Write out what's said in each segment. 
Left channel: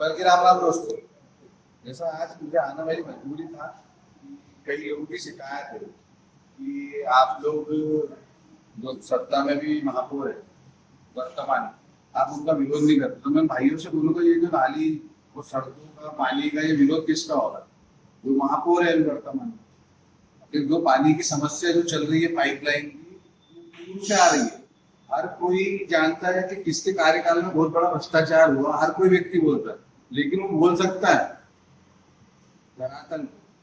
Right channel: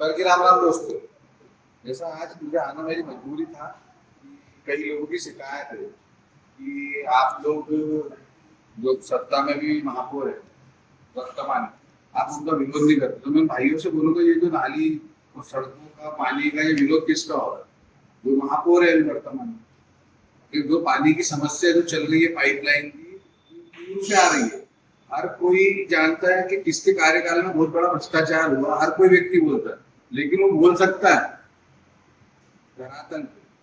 बल्कि राम राम दोस्तों, जैसा आज मुझे आना मेरी मजबूरी था कि कई लोगों की शिकायत है कि आप लोग जो सत्ता में भी महापौर है वर्तमान, आप उनका विरोध नहीं करते। तो मैं भाइयों से बोलूंगा, ये जो नाली और सड़कों का पानी का ये विरोध किसका होगा? जो महापौर है वर्तमान में। कि जो पानी की समस्या जो चल रही है पाइपलाइन की, दूर से आ रही है। हर कोई जानता है कि किसके कार्यकाल में बहुत बड़ा भ्रष्टाचार हुआ, हर कोई व्यक्ति बोलता है, लेकिन वो बोल सकता है धरातल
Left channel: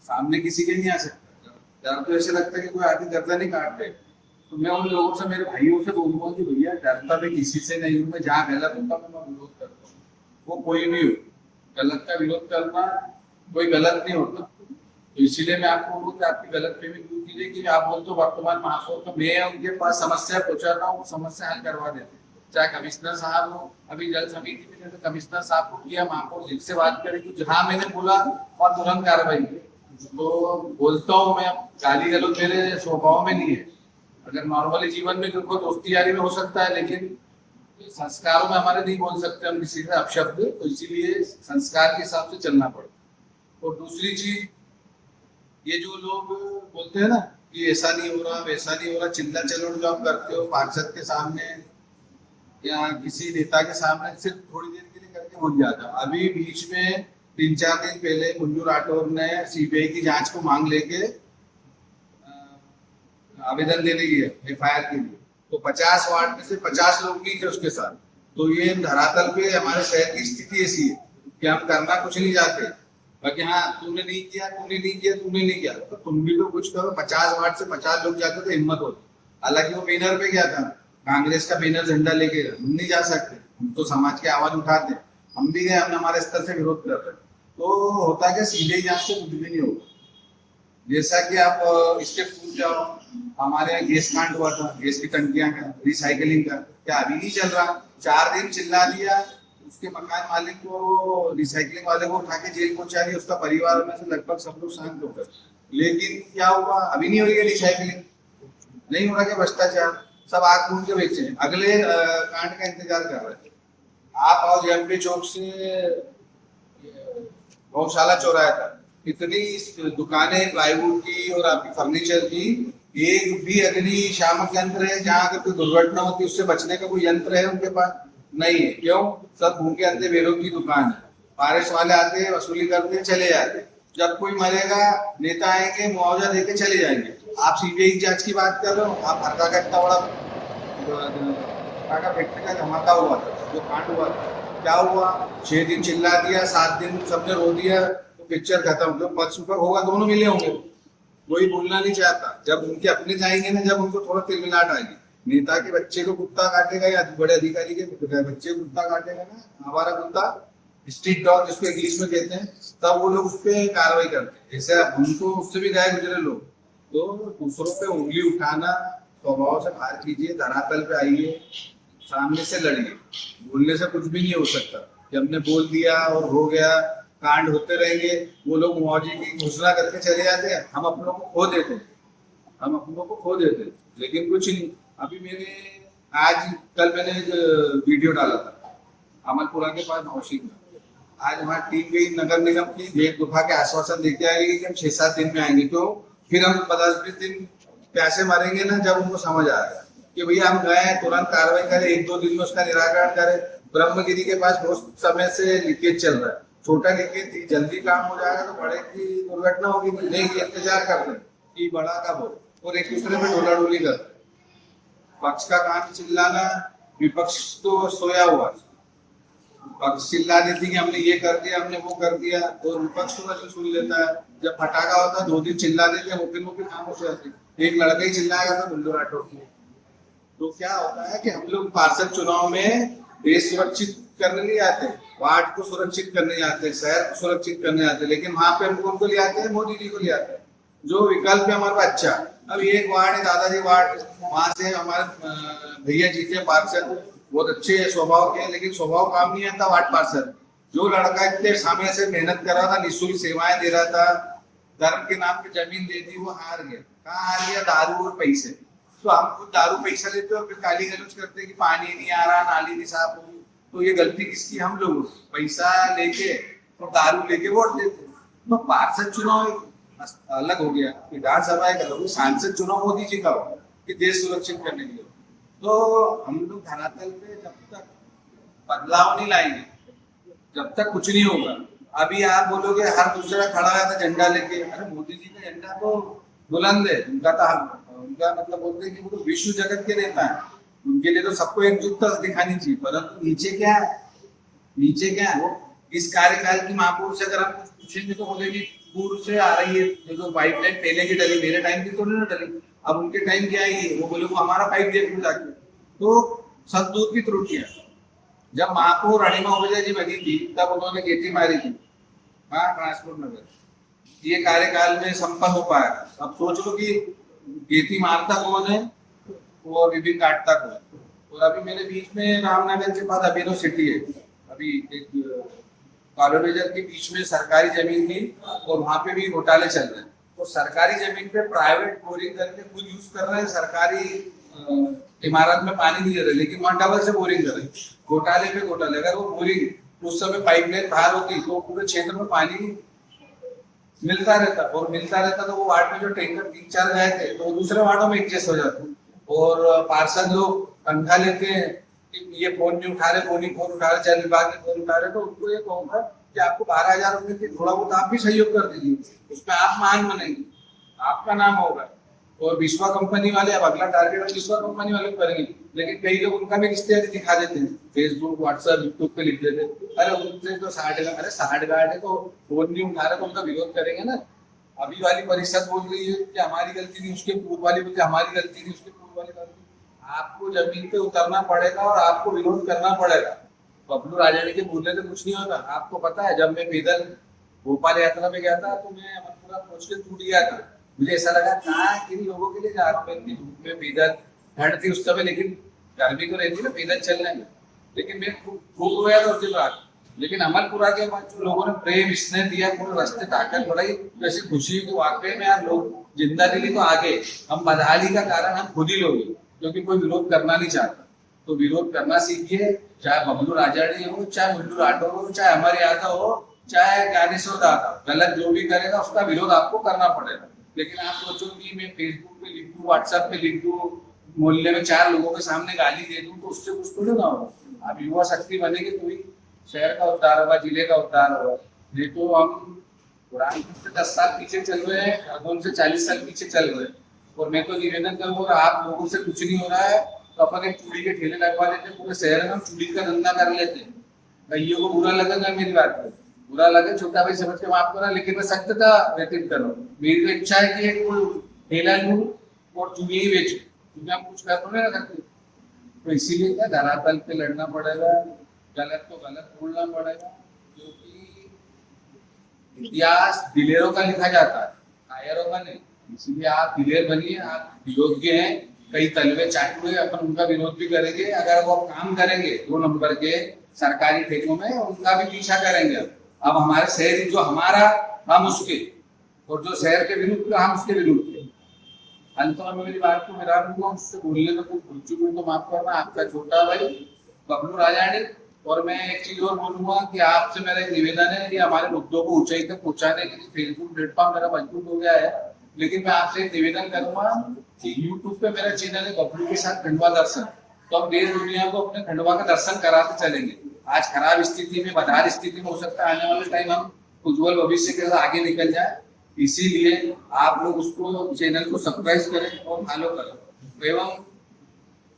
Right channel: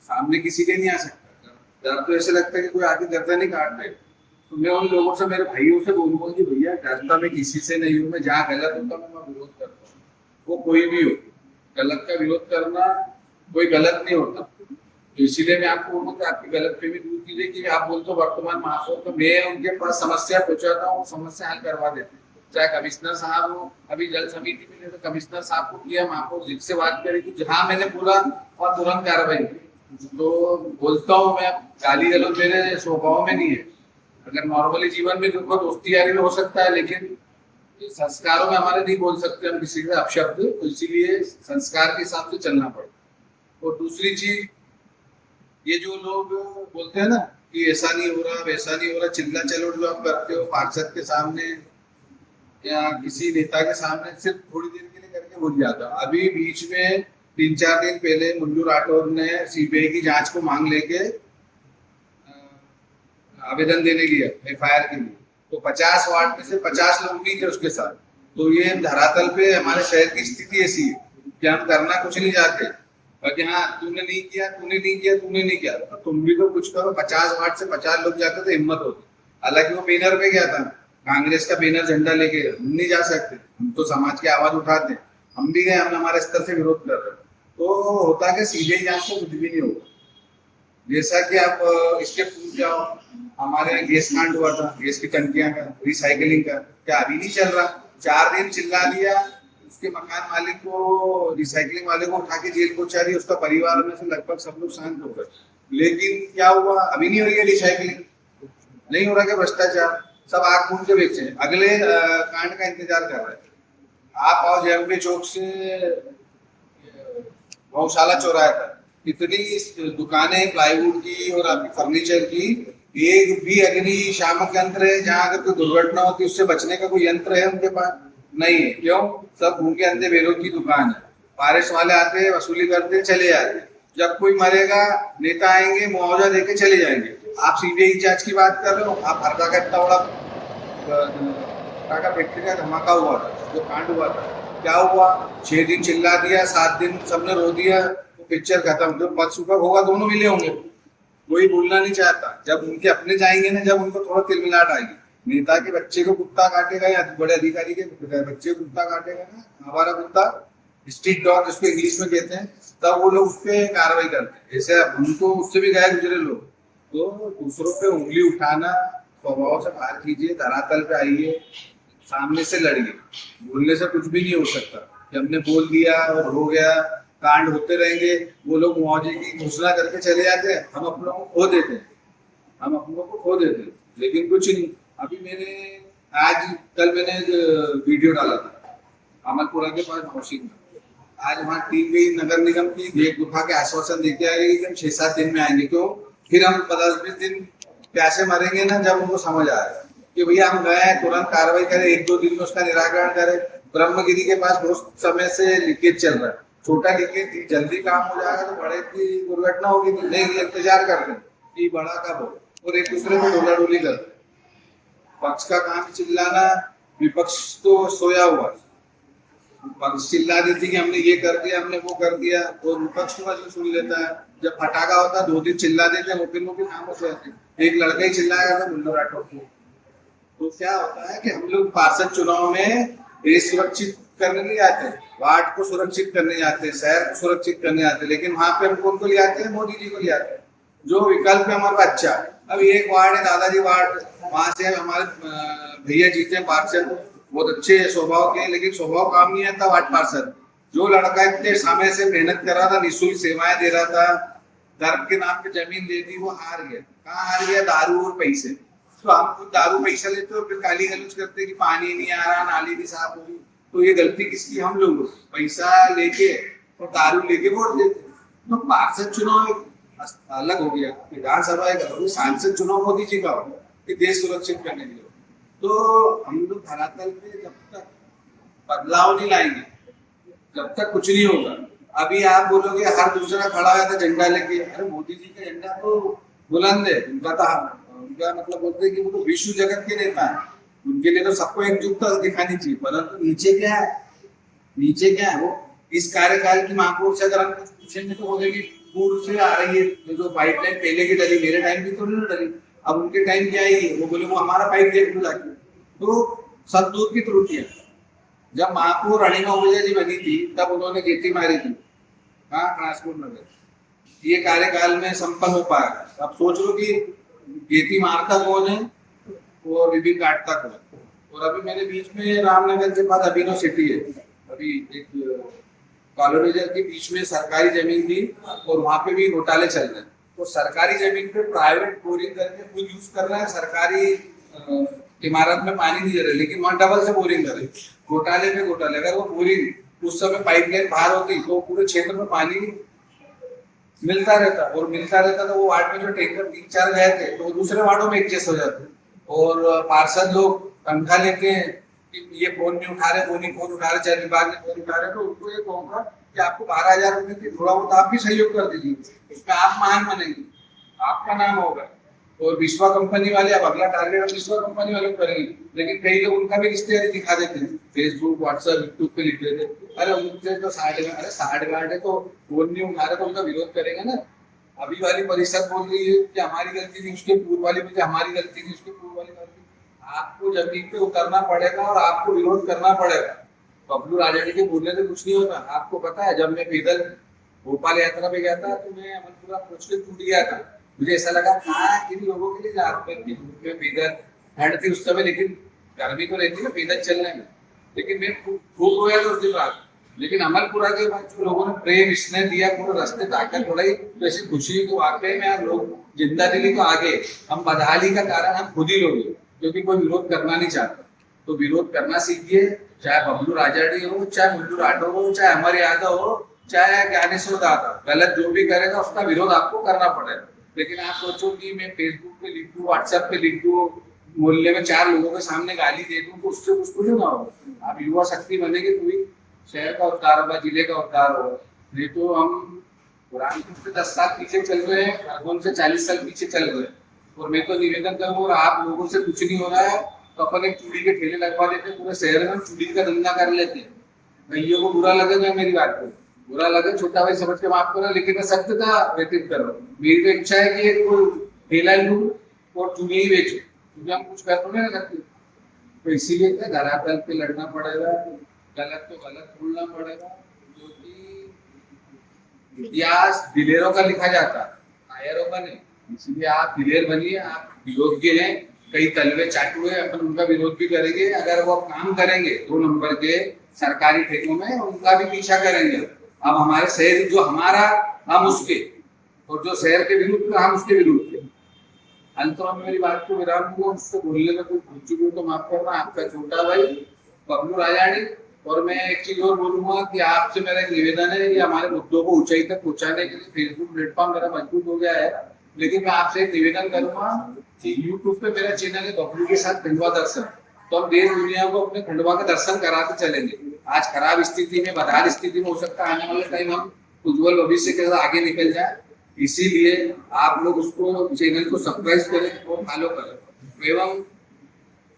सामने किसी के नहीं आ सकता। डर तो ऐसे लगता है कि कोई आके गर्दन नहीं काट दे। तो मैं उन लोगों से, मेरे भाइयों से बोलूंगा कि भैया, डरता मैं किसी से नहीं हूँ। मैं जहाँ गलत होता मैं विरोध करता हूँ, वो कोई भी हो। गलत का विरोध करना कोई गलत नहीं होता। तो इसीलिए मैं आपको बोलूँ कि आपकी गलतफहमी दूर कीजिए कि आप बोलते हो वर्तमान महापौर, तो मैं उनके पास समस्या पहुंचाता हूँ, समस्या हल करवा देते हैं। चाहे कमिश्नर साहब हो, अभी जल समिति में तो कमिश्नर साहब को किया, महापौर जी से बात करेगी, जहां मैंने बोला और तुरंत कार्रवाई की। तो बोलता हूँ मैं, गाली गलौज मेरे स्वभाव में नहीं है। अगर नॉर्मली जीवन में देखो दोस्ती यारी में हो सकता है, लेकिन संस्कारों में हमारे नहीं बोल सकते हम किसी का अपशब्द, तो इसीलिए संस्कार के हिसाब से चलना पड़ता। और दूसरी चीज, ये जो लोग बोलते हैं ना कि ऐसा नहीं हो रहा वैसा नहीं हो रहा, चिल्ला चलो जो आप करते हो पार्षद के सामने या किसी नेता के सामने, सिर्फ थोड़ी देर के लिए करके भूल जाता। अभी बीच में 3-4 दिन पहले मुल्लू राठौर ने सीबीआई की जांच को मांग लेके आवेदन देने गया एफआईआर के लिए, तो 50 वार्ड में से 50 लोग नहीं थे उसके साथ। तो ये धरातल पे हमारे शहर की स्थिति ऐसी है कि हम करना कुछ नहीं चाहते, बाकी हाँ तूने नहीं किया, तूने नहीं किया, तूने नहीं किया, तो तुम भी तो कुछ करो। 50 वार्ड से 50 लोग जाते तो हिम्मत होती। हालांकि वो बैनर पे गया था, कांग्रेस का बैनर झंडा लेके, हम नहीं जा सकते, हम तो समाज की आवाज उठाते हैं। हम भी गए, हमने हमारे स्तर से विरोध कर रहे। तो होता कि सीबीआई जांच से कुछ भी नहीं होगा। जैसा कि आप इसके पूछ जाओ, हमारे यहाँ गैस कांड हुआ था, गैस की टंकियां का, रिसाइकलिंग का, क्या अभी नहीं चल रहा? 4 दिन चिल्ला दिया, उसके मकान मालिक को, रिसाइकलिंग वाले को उठा के जेल पहुंचा दिया, उसका परिवार में से लगभग सब लोग शांत हो गए। लेकिन क्या हुआ? अभी नहीं हो रही है रिसाइकलिंग, नहीं हो रहा है भ्रष्टाचार, सब आग मूंद के बेचे। अगले कांड का इंतजार कर रहे हैं। आप आओ जेएमपी चौक से गौशाला चौराहे तक, इतनी दुकानें प्लाईवुड की और आपकी फर्नीचर की, एक भी अग्निशामक यंत्र है जहाँ अगर कोई दुर्घटना होती उससे बचने का कोई यंत्र है उनके पास? नहीं है। क्यों? सब भूखे अंधे बेरों की दुकान है। बारिश वाले आते हैं, वसूली करते, चले जाते। जब कोई मरेगा नेता आएंगे, मुआवजा देके चले जाएंगे। आप सीबीआई जांच की बात कर रहे हो। आप हरदा का इतना बड़ा फैक्ट्री का धमाका हुआ था, जो कांड हुआ था, क्या हुआ? 6 दिन चिल्ला दिया, 7 दिन सबने रो दिया, पिक्चर खत्म। जो पक्ष सुपक होगा दोनों मिले होंगे, कोई बोलना नहीं चाहता। जब उनके अपने जाएंगे ना, जब उनको थोड़ा तिलमिलाट आएगी, नेता के बच्चे को कुत्ता काटेगा या बड़े अधिकारी के बच्चे को कुत्ता काटेगा ना, हमारा कुत्ता, स्ट्रीट डॉग जिसको इंग्लिश में कहते हैं, तब वो लोग उस पर कार्रवाई करते हैं। ऐसे उनको उससे भी गए गुजरे लोग। तो दूसरों पे उंगली उठाना स्वभाव से बाहर कीजिए, धरातल पे आइए, सामने से लड़िए। बोलने से कुछ भी नहीं हो सकता कि हमने बोल दिया और हो गया। कांड होते रहेंगे, वो लोग मुआवजे की घोषणा करके चले जाते हैं, हम अपनों को खो देते हैं, हम अपनों को खो देते हैं, लेकिन कुछ नहीं। अभी कल मैंने वीडियो डाला था अमलपुरा के पास मौसी में। आज वहाँ टीम गई नगर निगम की, गेट दुखा के आश्वासन देके आएगी कि हम 6-7 दिन में आएंगे। क्यों? फिर हम 10-20 दिन प्यासे मरेंगे ना, जब उनको समझ आएगा कि भैया हम गए, तुरंत कार्रवाई करें, 1-2 दिन में उसका निराकरण करें। ब्रह्मगिरी के पास बहुत समय से लीकेज चल रहा है, छोटा लीकेज जल्दी काम हो जाएगा तो बड़े की दुर्घटना होगी नहीं। इंतजार कर रहे कि बड़ा कब हो, और एक दूसरे में डोला डोली कर रहे। पक्ष का काम चिल्लाना, विपक्ष तो सोया हुआ, पक्ष चिल्ला देती कि हमने ये कर दिया, हमने वो कर दिया, तो विपक्ष तो सुन लेता है। जब फटाका होता है 2 दिन चिल्ला देते हैं, मुख्य खामोश रहते हैं। एक लड़का ही चिल्लाएगा था मुल्लू राठौर को। तो क्या होता है कि हम लोग पार्षद चुनाव में देश सुरक्षित करने नहीं आते, वार्ड को सुरक्षित करने जाते हैं, शहर को सुरक्षित करने जाते हैं, लेकिन वहां पे हम कौन को ले आते हैं? मोदी जी को ले आते हैं, जो विकल्प है हमारा अच्छा। अब एक वार्ड है दादाजी वार्ड, वहां से हमारे भैया जीते पार्षद, बहुत अच्छे स्वभाव के, लेकिन स्वभाव काम नहीं आता वार्ड पार्षद। जो लड़का इतने समय से मेहनत कर रहा था, निःशुल्क सेवाएं दे रहा था, धर्म के नाम पे जमीन दे दी, वो हार गया। कहाँ हार गया? दारू और पैसे। तो हम खुद दारू पैसा लेते और फिर गाली गलौज करते कि पानी नहीं आ रहा, नाली नहीं साफ होगी। तो ये गलती किसकी? हम लोगों की। पैसा लेके और दारू लेके वोट देते। तो पार्षद चुनाव एक अलग हो गया, विधानसभा एक अलग, सांसद चुनाव मोदी जी का हो कि देश सुरक्षित करने के लिए। तो हम लोग धरातल पे जब तक बदलाव नहीं लाएंगे, जब तक कुछ नहीं होगा। अभी आप बोलोगे हर दूसरा खड़ा है था झंडा लेके, अरे मोदी जी का झंडा तो बुलंद है, उनका मतलब बोलते हैं कि वो तो विश्व जगत के नेता है, उनके लिए तो सबको एकजुटता दिखानी चाहिए। परंतु नीचे क्या है, नीचे क्या है, वो इस कार्यकाल की महापौर से अगर हम कुछ पूछेंगे तो बोलेंगे पूर्व से आ रही है जो पाइपलाइन पहले की डली, मेरे टाइम की तो नहीं डली, अब उनके टाइम की आएगी, वो बोले वो हमारा पाइप देख लो जाके। तो सब दूर की त्रुटियां। जब महापौर अनिमा ओझा जी बनी थी तब उन्होंने गेटी मारी थी, हाँ, ट्रांसपोर्ट नगर, ये कार्यकाल में संपन्न हो पाया। अब सोच लो कि गेटी मारता कौन है और विभिन्न काटता कौन है। और अभी मेरे बीच में रामनगर के बाद अभिनव सिटी है, अभी एक कॉलोनीजर के बीच में सरकारी जमीन थी और वहां पे भी घोटाले चल रहे हैं। तो सरकारी जमीन पे प्राइवेट बोरिंग करके खुद यूज कर रहे हैं, सरकारी इमारत में पानी नहीं दे रहे, लेकिन वहां डबल से बोरिंग कर रहे हैं। घोटाले पे घोटाले। अगर वो बोरिंग उस समय पाइपलाइन बाहर होती तो पूरे क्षेत्र में पानी मिलता रहता, और मिलता रहता तो वो वार्ड में जो टैंकर 3-4 गए थे तो दूसरे वार्डों में एडजस्ट हो जाते। और पार्षद लोग तनख्वाह लेते हैं कि ये फोन नहीं उठा रहे, फोन उठा रहे, चाहे विभाग में फोन उठा रहे, तो उनको ये कहूंगा कि आपको 12,000 रुपए की थोड़ा बहुत आप भी सहयोग कर दीजिए, उसमें आप महान बनेंगे, आपका नाम होगा। और विश्वा कंपनी वाले अब अगला टारगेट विश्वा कंपनी वाले करेंगे, लेकिन कई लोग उनका भी रिश्ते दिखा देते हैं, फेसबुक, व्हाट्सएप, यूट्यूब पे लिख देते हैं, अरे उनसे तो 60 गार्ड है तो फोन नहीं उठा रहे तो उनका विरोध करेंगे ना। अभी वाली परिषद बोल रही है कि हमारी गलती थी, उसके पूर्व वाली बोलती हमारी गलती थी, उसके पूर्व वाली गलती। आपको जमीन पे उतरना पड़ेगा और आपको विरोध करना पड़ेगा। बबलू राजानी के बोलने से कुछ नहीं होता। आपको पता है जब मैं पैदल भोपाल यात्रा पे गया था तो मैं अमरपुरा पहुंच के टूट गया था। मुझे ऐसा लगा कहाँ इन लोगों के लिए जा रहा हूँ मैं पैदल, ठंड थी उस समय, लेकिन गर्मी तो रहती ना पैदल चलने में, लेकिन मैं खूब रोया था उस दिन रात। लेकिन अमरपुरा के बाद जो लोगों ने प्रेम स्नेह दिया, पूरे रास्ते ताकत बढ़ाई, तो ऐसी खुशी कि वाकई में यार लोग जिंदा दिली तो आगे। हम बदहाली का कारण हम खुद ही लोग, क्योंकि कोई विरोध करना नहीं चाहता। तो विरोध करना सीखिए, चाहे बबलू राजानी हो, चाहे उल्लू राठौर हो, चाहे अमर यादव हो, चाहे ज्ञानेश्वर दादा, गलत जो भी करेगा उसका विरोध आपको करना पड़ेगा। लेकिन आप सोचो कि मैं फेसबुक पे लिख दूं, व्हाट्सएप पे लिख दूं, मोहल्ले में 4 लोगों के सामने गाली दे दूं तो उससे कुछ थोड़ी ना होगा। आप युवा शक्ति बनेंगे तो ही शहर का उद्धार होगा, जिले का उद्धार होगा। नहीं तो हम पुराने से 10 साल पीछे चल रहे हैं, खरगोन से 40 साल पीछे चल रहे हैं। और मैं तो निवेदन करूंगा, आप लोगों से कुछ नहीं हो रहा है तो अपन एक चूड़ी के ठेले लगवा देते, पूरे शहर में चूड़ी का धंधा कर लेते। भैया को बुरा लगेगा मेरी बात को, बुरा लगे छोटा भाई समझ के माफ करो, लेकिन मैं सत्यता व्यतीत कर रहा हूँ। मेरी तो इच्छा है कि एक ठेला लूं और चूड़ी ही बेचूं, क्योंकि हम कुछ कर रहे ना करते। तो इसीलिए क्या धरातल पे लड़ना पड़ेगा, गलत को गलत बोलना पड़ेगा, क्योंकि इतिहास दिलेरों का लिखा जाता है, कायरों का नहीं। इसलिए आप दिलेर बनिए, आप योग्य हैं। कई तलवे चाटू है, अपन उनका विरोध भी करेंगे। अगर वो काम करेंगे 2 नंबर के सरकारी ठेकों में, उनका भी पीछा करेंगे। अब हमारे शहर जो हमारा, हम उसके, और जो शहर के विरुद्ध हम उसके विरुद्ध थे। अंत में मेरी बात को विराम दूंगा, उससे बोलने में कोई भूल चुकी तो माफ करना। आपका छोटा भाई बबलू राजानी। और मैं एक चीज और बोलूंगा कि आपसे मेरा एक निवेदन है कि हमारे मुद्दों को ऊंचाई तक पहुंचाने के लिए फेसबुक प्लेटफॉर्म मेरा मजबूत हो गया है, लेकिन मैं आपसे एक निवेदन करूंगा कि यूट्यूब पे मेरा चैनल है बबलू के साथ खंडवा दर्शन, तो हम देश दुनिया को अपने खंडवा का दर्शन कराते चलेंगे। आज खराब स्थिति में, बदहाल स्थिति में, हो सकता है आने वाले टाइम हम उज्जवल भविष्य के साथ आगे निकल जाए। इसीलिए आप लोग उसको, चैनल को सब्सक्राइब करें और फॉलो करें। एवं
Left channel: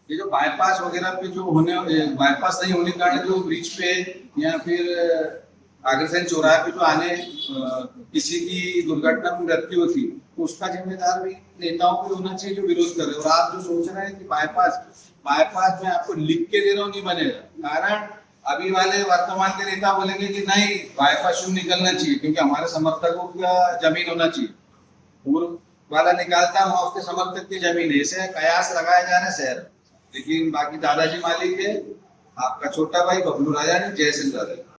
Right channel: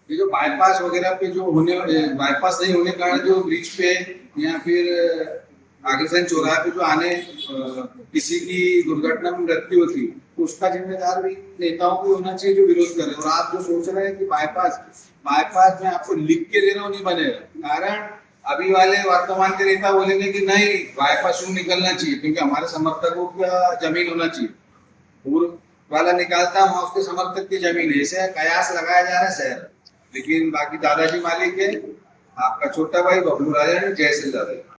ये जो बाईपास वगैरह पे जो होने, बाईपास नहीं होने के कारण जो ब्रिज पे या फिर अग्रसेन चौराहे पे जो आने किसी की दुर्घटना में मृत्यु होती, तो उसका जिम्मेदार भी नेताओं को होना चाहिए जो विरोध कर रहे हैं। और आप जो सोच रहे हैं कि बाईपास में आपको लिख के दे रहा हूँ, नहीं बनेगा। कारण अभी वाले वर्तमान के नेता बोलेंगे कि नहीं बाईपास निकलना चाहिए क्योंकि हमारे समर्थकों का जमीन होना चाहिए। पूर्व वाला निकालता वहां उसके समर्थक की जमीन है, ऐसे कयास लगाया जा रहा है शहर। लेकिन बाकी दादाजी मालिक है, आपका छोटा भाई बबलू राजानी। जय श्री दादा।